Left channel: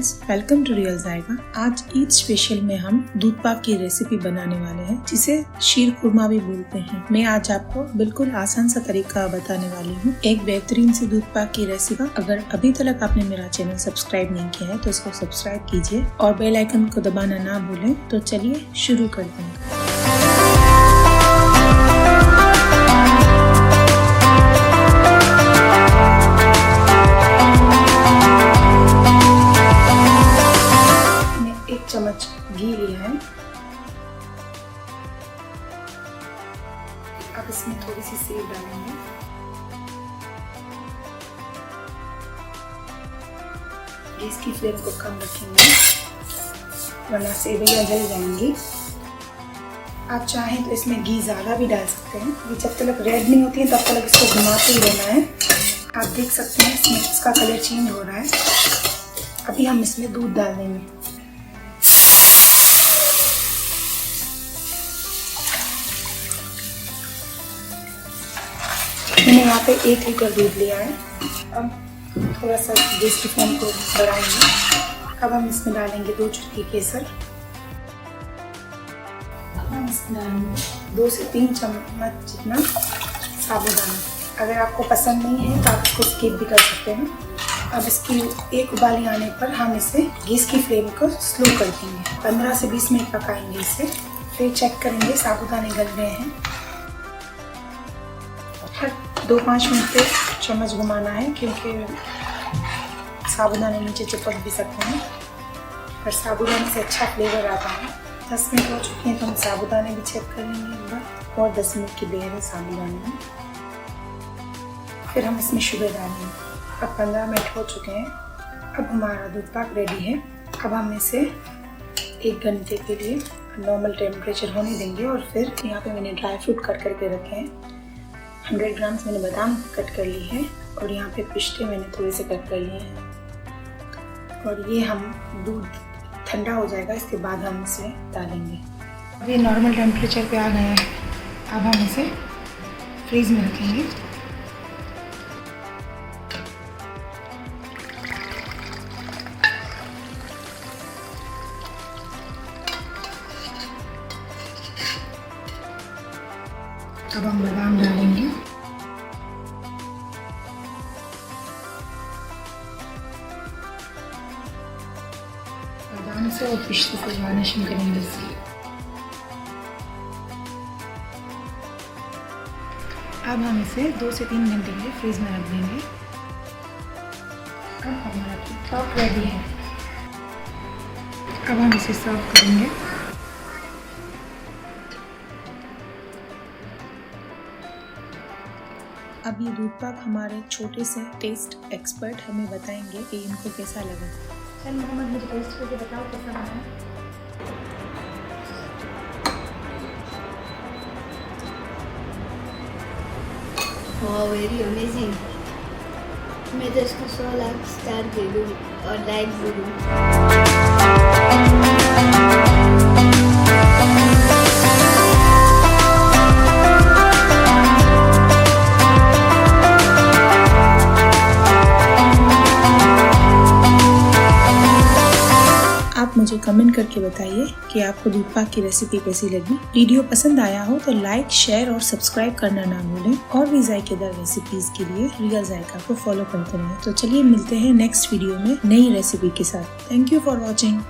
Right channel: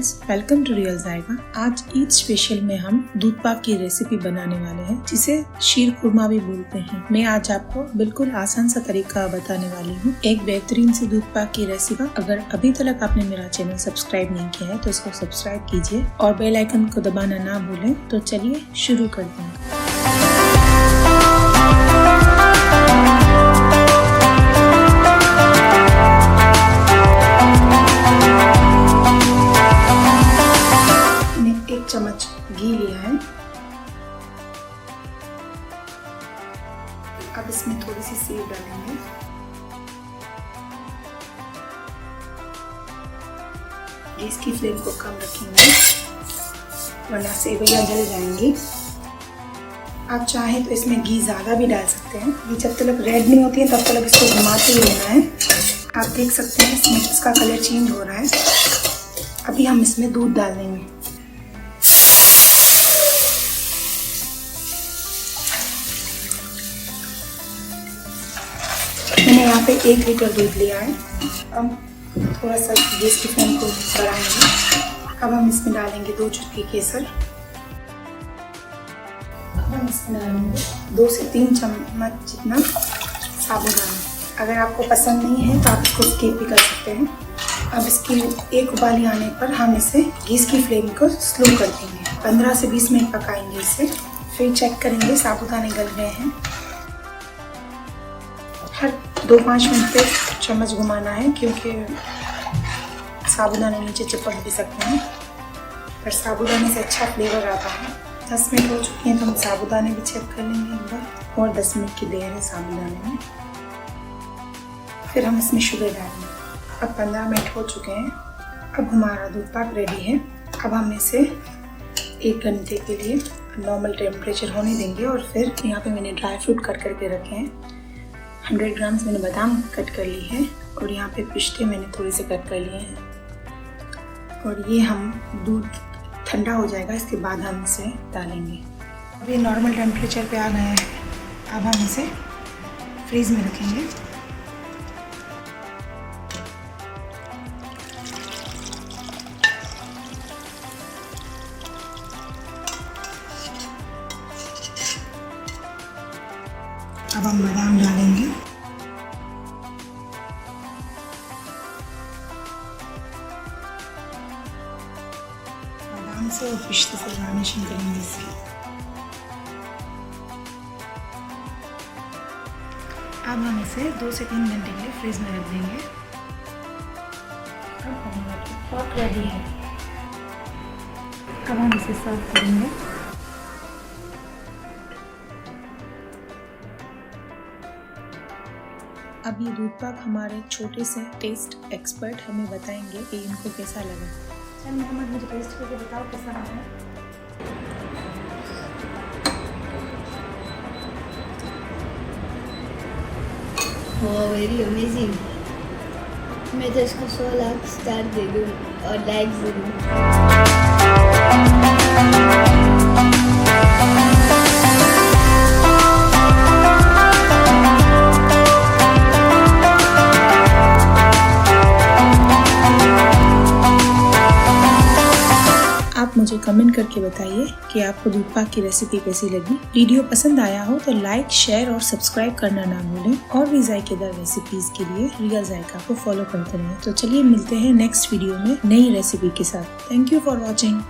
Friends, welcome to real जायका। आज Eid special में हम दूध पाक की रेसिपी बनाने वाले हैं, जिसे शीर खुरमा भी बोलते हैं। मैं आज आपको बिल्कुल आसान सा तरीका बताने वाली हूँ, एक बेहतरीन सी दूध पाक की रेसिपी। अगर अभी तक आपने मेरा चैनल सब्सक्राइब नहीं किया है तो इसको सब्सक्राइब कीजिए और बेल आइकन को दबाना ना भूलें। तो चलिए शुरू करते हैं। इसमें थोड़ी सी सेव डालेंगे। इसकी फ्लेम को कम रखेंगे वरना सेवियां जल जाएंगी। आप चाहें तो इसमें घी ज़्यादा भी डाल सकते हैं। ये जब तक रेड नहीं होती है तब तक इसको घुमाते ही रहना है। आप देख सकते हैं इसमें इसका कलर चेंज हो रहा है। अभी हम इसमें दूध डाल देंगे। यहाँ पे 1 लीटर दूध लिया है। हम थोड़ा सा गैस की फ्लेम को बढ़ाएंगे। अब हम इसमें डालेंगे 2 चुटकी केसर। अब हम इसमें डालेंगे 2 से 3 चम्मच जितना साबुदाना। अगर आपको पसंद नहीं है तो आप इसको स्किप भी कर सकते हैं। अब इसकी एक उबाली आने पर हम इसे गैस की फ्लेम को स्लो कर देंगे। 15 से 20 मिनट पकाएंगे इसे। फिर चेक करेंगे साबुदाने गल गए हैं। हर 2-5 मिनट पे चम्मच घुमाना है, क्योंकि साबुदाना नीचे चिपक भी सकते हैं और साबुदाने से अच्छा फ्लेवर आता है। 10 मिनट हो चुके हैं तो हम साबुदाने भी चेक कर लेंगे और 10 मिनट की देर है साबुदाने में। फिर हम इसमें शुगर डालेंगे। अब 15 मिनट हो चुके हैं। अब हमारा दूध पाक रेडी है। अब हम इसे 1 घंटे के लिए नॉर्मल टेम्परेचर होने देंगे और फिर यहाँ पे मैंने ड्राई फ्रूट कट करके रखे हैं। 100 ग्राम मैंने बादाम कट कर ली है और यहाँ पे पिस्ते मैंने थोड़े से कट कर लिए हैं। और ये हम दूध ठंडा हो जाएगा, इसके बाद हम इसे डालेंगे। अब ये नॉर्मल टेम्परेचर पे आ गए हैं। अब हम इसे फ्रीज में रखेंगे। अब हम बादाम डालेंगे। बादाम से और पिस्ते से गार्निशिंग करेंगे इसकी। अब हम इसे 2 से 3 घंटे के लिए फ्रीज में रख देंगे। अब हमारा दूध पाक रेडी है। अब हम इसे सर्व करेंगे। अब ये दूध पाक हमारे छोटे से टेस्ट एक्सपर्ट हमें बताएंगे कि इनको कैसा लगा। चल मोहम्मद, मुझे टेस्ट करके बताओ कैसा लगा। ओह, वेरी अमेजिंग। मैं तो इसको 100 लाख स्टार दे दूँ और लाइक दे दूँ। आप मुझे कमेंट करके बताइए कि आपको दूध पाक की रेसिपी कैसी लगी। वीडियो पसंद आया हो तो लाइक, शेयर और सब्सक्राइब करना ना भूलें। और भी जायकेदार रेसिपीज के लिए रियल जायका को फॉलो करते रहें। तो चलिए मिलते हैं नेक्स्ट वीडियो में नई रेसिपी के साथ। Thank you for watching.